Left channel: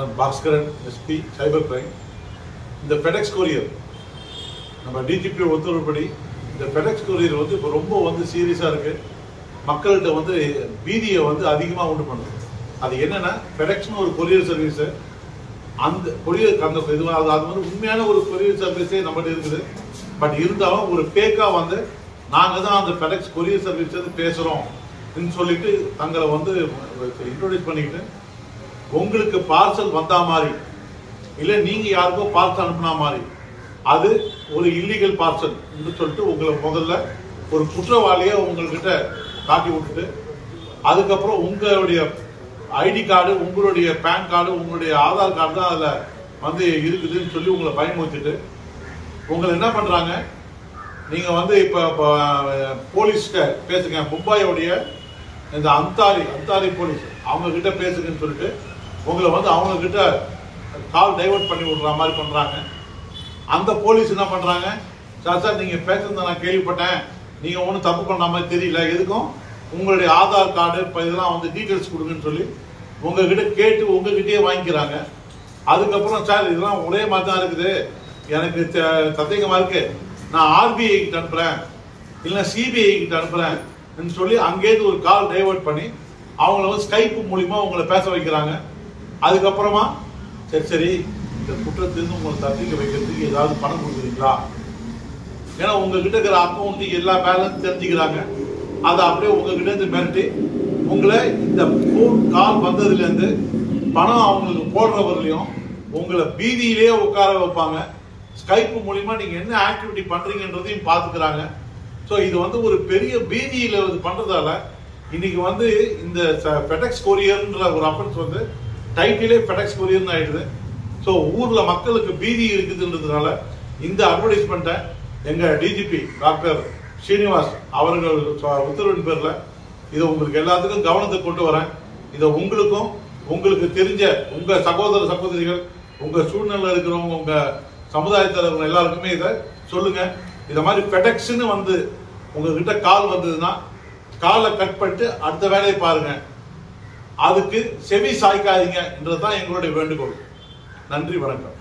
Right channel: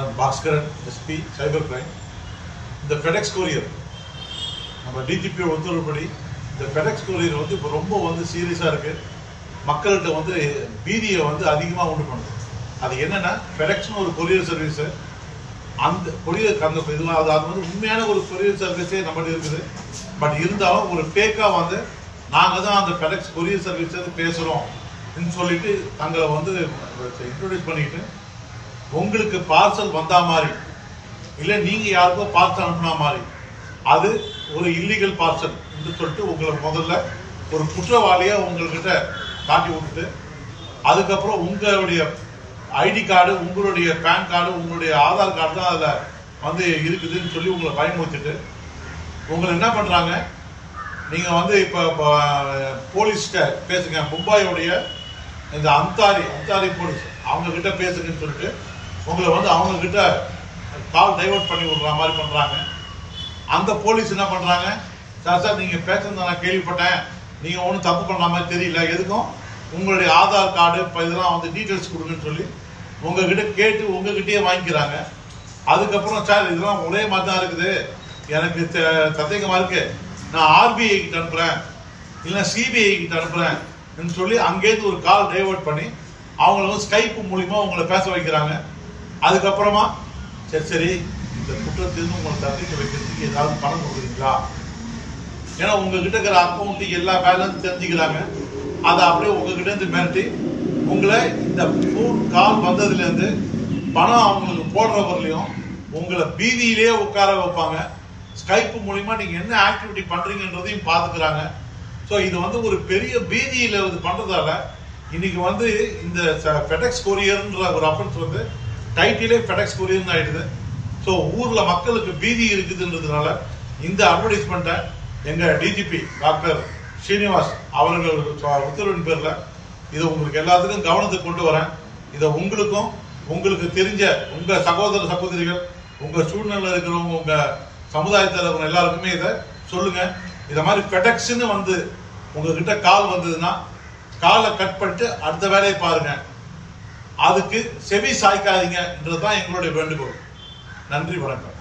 நான் Bhaskaran SP cyber crime. இந்த FedEx courier நம்ம டிஜிபி உத்தரவுப்படி இந்த ஃபெடெக்ஸ் கொரியர் வந்து இப்போ ரொம்ப சீரியஸாக இருக்கு. மக்கள்கிட்ட பீதியை அதிகமாக உண்டு பண்ணுது. அது என்னன்னா ஃபெடெக்ஸ்னு ஒரு கொரியர் சர்வீஸு, அந்த கொரியர் அந்த இதெல்லாம் அது உண்மையான ஒரு கொரியர் சர்வீஸே நம்மகிட்ட இருக்குது. பட் இருந்தாலும் ஒரு ஃபேக்காக நாங்கள் தான் அந்த ஃபெடெக்ஸ் கொரியர் சர்வீஸ் பேசுகிறோம் சொல்லிட்டு தங்களை இன்ட்ரோடியூஸ் பண்ணிக்கிட்டு உங்களுக்கு பார்சல் வந்தா மாதிரி இல்லை நீங்கள் யாருக்கோ பார்சல் அனுப்புனா மாதிரி அது ஒரு இல்லீகல் பார்சல் என்று சொல்லிட்டு உங்களை முதல்ல ஒரு குற்றவாளியை உங்கள்கிட்ட காட்டி விட்டுட்டு அதுக்கப்புறம் உங்களுடைய ஐடி கார்டு, உங்களுடைய பேன் கார்டு, உங்களுடைய ஆதார் கார்டு தான் அதில் இருக்குதுன்னு சொல்லி உங்களை பயமுறுத்திட்டு உங்களை என்ன பண்ணுறாங்க, நீங்கள் இப்போ போலீஸ்கிட்ட பேசுங்க, மும்பாயோடைய இந்த அந்தாரி போலீஸ் அவங்க கிட்ட பேசுங்கன்னு சொல்லிட்டு உங்களை அவங்க கிட்ட கால் டைவர்ட் பண்ணி விடுற மாதிரி பண்ணுறாங்க. அந்த போலீஸ் என்ன பண்ணுறாங்க, சார் நீங்கள் பேசுறத நான் கேள்விப்பட்டேன், நீங்கள் ஒன்றும் தப்பு பண்ணுற மாதிரி தெரியல, எதுக்கும் உங்களுடைய ஆதார் கார்டு இப்போ இதெல்லாம் டீட்டெயில்ஸ் கொடுங்கன்னு சொல்லி உங்ககிட்ட கேட்டு உங்ககிட்டயே வாங்கிக்கிறாங்க. அதுக்கப்புறம் சார் இதெல்லாம் ஒரே மாதிரி தான் இருக்குது, எனக்கு சந்தேகமாக இருக்கு, நான் ஆர்பிஐ கிட்ட அனுப்புகிறேன் இல்லை சிபிஐ கிட்ட அனுப்புகிறேன் சொல்லி அங்கேருந்து ஒரு கால் டைவர்ட் பண்ணி அவங்கள ஸ்கைப் மூலிமா உங்களை பேச வைக்கிறாங்க. அதுக்கப்புறமா சரி இந்த குற்றத்திலிருந்து உங்களை தப்பிக்க வைக்கிறதுக்கு ஏதாவது பணம் கொடுக்குறீங்களா, ஏன்னா உங்ககிட்ட இருக்கிற அக்கௌண்ட் எல்லா பேலன்ஸ் தெரிஞ்சுக்கிறாங்க. அதை அப்படியே உங்ககிட்ட இருந்து மிரட்டி உங்களை இந்த ஃபோன் கால் வந்ததுலேருந்து பணம் அவங்களுக்கு போடுறவர்களையும் உங்களை பீதியிலேயே உட்கார வைப்பாங்க. ஸ்கைப் மூலிமா நீங்கள் என்ன ஆக்டிவிட்டி பண்ணுறீங்கன்றதையும் பார்த்துக்கிறாங்க. ஸோ இது ஒரு பெரிய பீதியில் பண்ணுறதால இன்னைக்கு இந்த ஃபெடெக்ஸ் கொரியர்ன்ற ஒரு அஃபென்ஸ் டைட்டிலே ஃபெடெக்ஸ் கொரியர்னு ஆயிடுது. ஸோ ஊரில் மக்களுக்கு பீதி இருக்குதுன்றதுனால இந்த அட்வர்டைஸ்மெண்ட்டை எங்கள் டிஜிபி டாக்டர் ஸ்ரீனிவாஸ் அவர்கள் உத்தரவின் பேரில் இதை உங்களுக்கு எல்லாத்துக்கும் கவனத்துக்கு கொண்டு வரேன். இதை உங்களுக்கு தெரிஞ்ச உங்கள் சகோதர சகோதரிகள், உங்கள் சூழ்நிலை இருக்கிறவங்க, உங்கள் சமுதாயத்தில் இருக்கிற எல்லாருக்குமே இதை சொல்லுங்க. இதை மாதிரி ஃபெடெக்ஸ்ன்னு உங்ககிட்ட கால் வந்ததுன்னா காலை கட் பண்ணிட்டு அடுத்த வேலையை பாருங்க, அதுக்கு செவி சாய்க்காதீங்க என்றதுதான் எங்களுடைய வேண்டுகோள். நன்றி, வணக்கம்.